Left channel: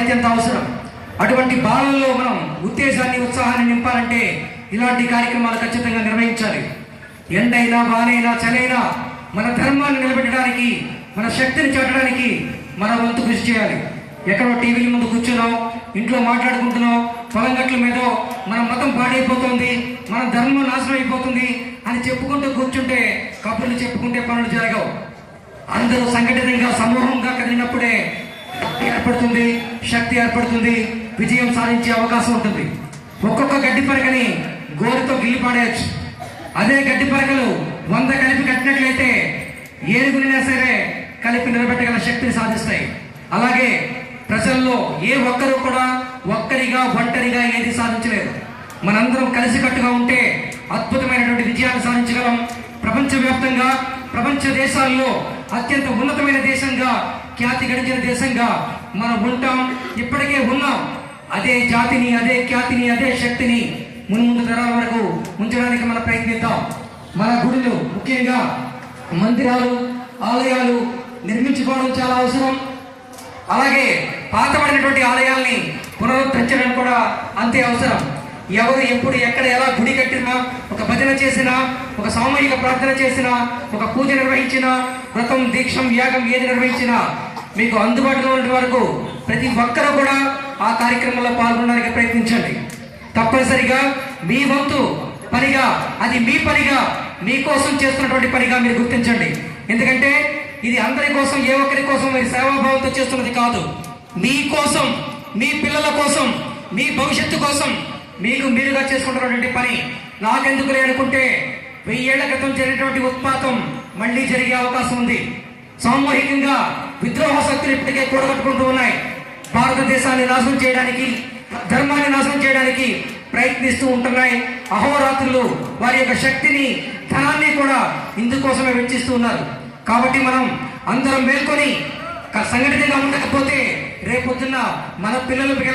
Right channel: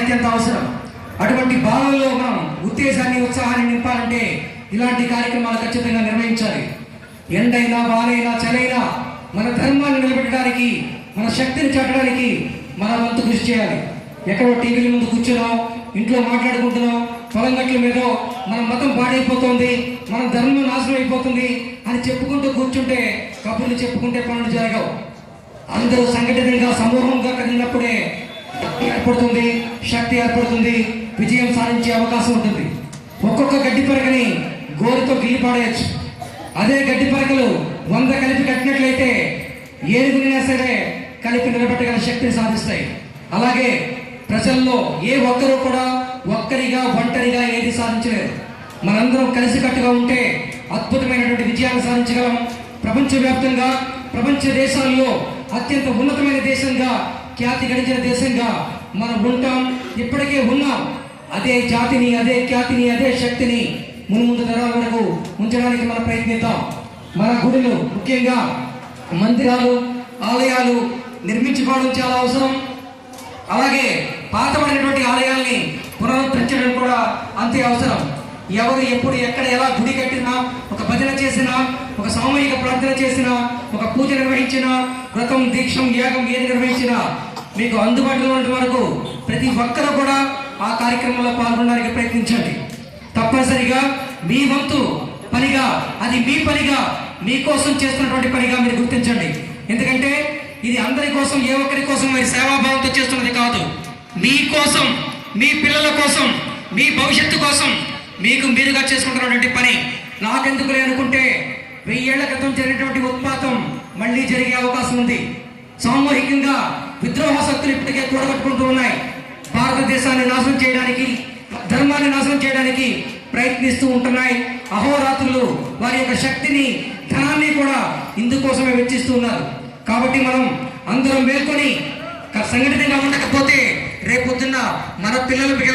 అత్యంత అవసరం. అటువంటి భావనలో మనం ఉత్తేజాన్ని ఉత్సాహాన్ని నింపాలంటే ఇలాంటి కార్యక్రమాలు ఖచ్చితంగా నిర్వహించాలి. ఎండైనా వానైనా చలైనా మన ధర్మాన్ని నిలబెట్టడానికి, మన శక్తిని చాటడానికి మన వంతు కృషి చేయాలి. ఎక్కడో టీవీల ముందు కూర్చున్నాం, ఇంట్లో మాట్లాడుకుంటున్నాం, పొలం గట్ల మీద మన మతం పాడైపోతుంది, మన ధర్మం నాశనం అయిపోతుంది అని చెప్పుకుంటూ కూర్చుంటే, కబుర్లు చెప్పుకుంటే పనులు జరగవు. అందరూ సంఘటితంగా సమూహంగా కదిలినప్పుడే ఏర్పడుతుంది, శక్తి ఏర్పడుతుంది, విజయం సాధించే అవకాశం ఉంటుంది. ఒక్కొక్క గడ్డి పరిగని గోరుతో గిల్లిపాడేయచ్చు. అదే గడ్డి పరిగలు 100 కలిపి కట్టినట్లయితే ఏడుగురైనా సరే కలిపి నిలబెట్టగల శక్తిని సాధిస్తాయి. అలాగే ప్రజల్లో ఏ ఒక్కరు కూడా ఒంటరిగా ఏది సాధించలేరు. మనందరం కలిసికట్టుగా ఉంటే అద్భుతమైనటువంటి విజయాన్ని సాధించగలం. ప్రపంచవ్యాప్తంగా, ప్రపంచ దేశాల్లో అత్యంత ఉన్నతమైన దేశంగా, ఖ్యాతి గడించిన దేశంగా మనం ఉంటాం, ఇప్పటికే ఉన్నాం. అదే జాతిని, అదే ఖ్యాతిని, అదే శక్తిని ముందు తరాల వరకు ఉంచడానికి మనం ప్రయత్నిద్దాం. మన గుడులు, ముఖ్యంగా మందిరాలు, ఆలయాలు నిర్మించుకోవడం చాలా అవసరం. అలాగే పాతమైనటువంటి ఆలయాల్ని పునరుద్ధరించడం కూడా అంతే అవసరం. ఎవరు ఎప్పుడు ఎక్కడ ఎలా గుడి కట్టినా, ఒక భజన చేసినా, ఒక సామూహిక ప్రార్థన చేసినా, ఒక పూజ నిర్వహించినా, వ్రతం, దీక్షం, యాగం ఏది నిర్వహించినా మీకు అందుబాటులో ఉన్న వరకు ప్రతి ఒక్కరూ కూడా ఆ కార్యక్రమంలో పాల్గొనడానికి ప్రయత్నించండి. తప్పనిసరిగా మీ వంతు పనిగా, అది మీ పనిగా, మీకోసం చేస్తున్నటువంటి పనిగా మీరు గుర్తించండి. ఎందుకంటే ఇది అందరి కోసం, ఏ ఒక్కరి కోసం మరి సేవాభావంతో చేస్తున్నది కాదు. మీ కోసం, మీ పిల్లల కోసం, మీ భవిష్యత్తు కోసం మీకు మీరుగా చేసుకుంటున్నటువంటి పని. నాకెందుకు అనుకుంటే 1000 ఏళ్ల క్రితం జరిగినటువంటి ఉత్పాతం మళ్లీ జరిగే అవకాశం ఉంది. సామూహికంగా విద్రోహ శక్తులు ఇప్పటికే కూడగట్టుకుంటూ ఉన్నాయి. భారతదేశాన్ని నాశనం చేయడానికి, ధర్మాన్ని నాశనం చేయడానికి ప్రయత్నిస్తూ ఉంటున్నాయి. అహోరాత్రులు వారి యొక్క శక్తిని, ధనాన్ని కూడా ఇందుకోసమే వెచ్చిస్తూ ఉన్నారు. కాబట్టి మనం అందరం మేల్కొని సంఘటితంగా ఉండకపోతే రేపొద్దున్న మన పిల్లలు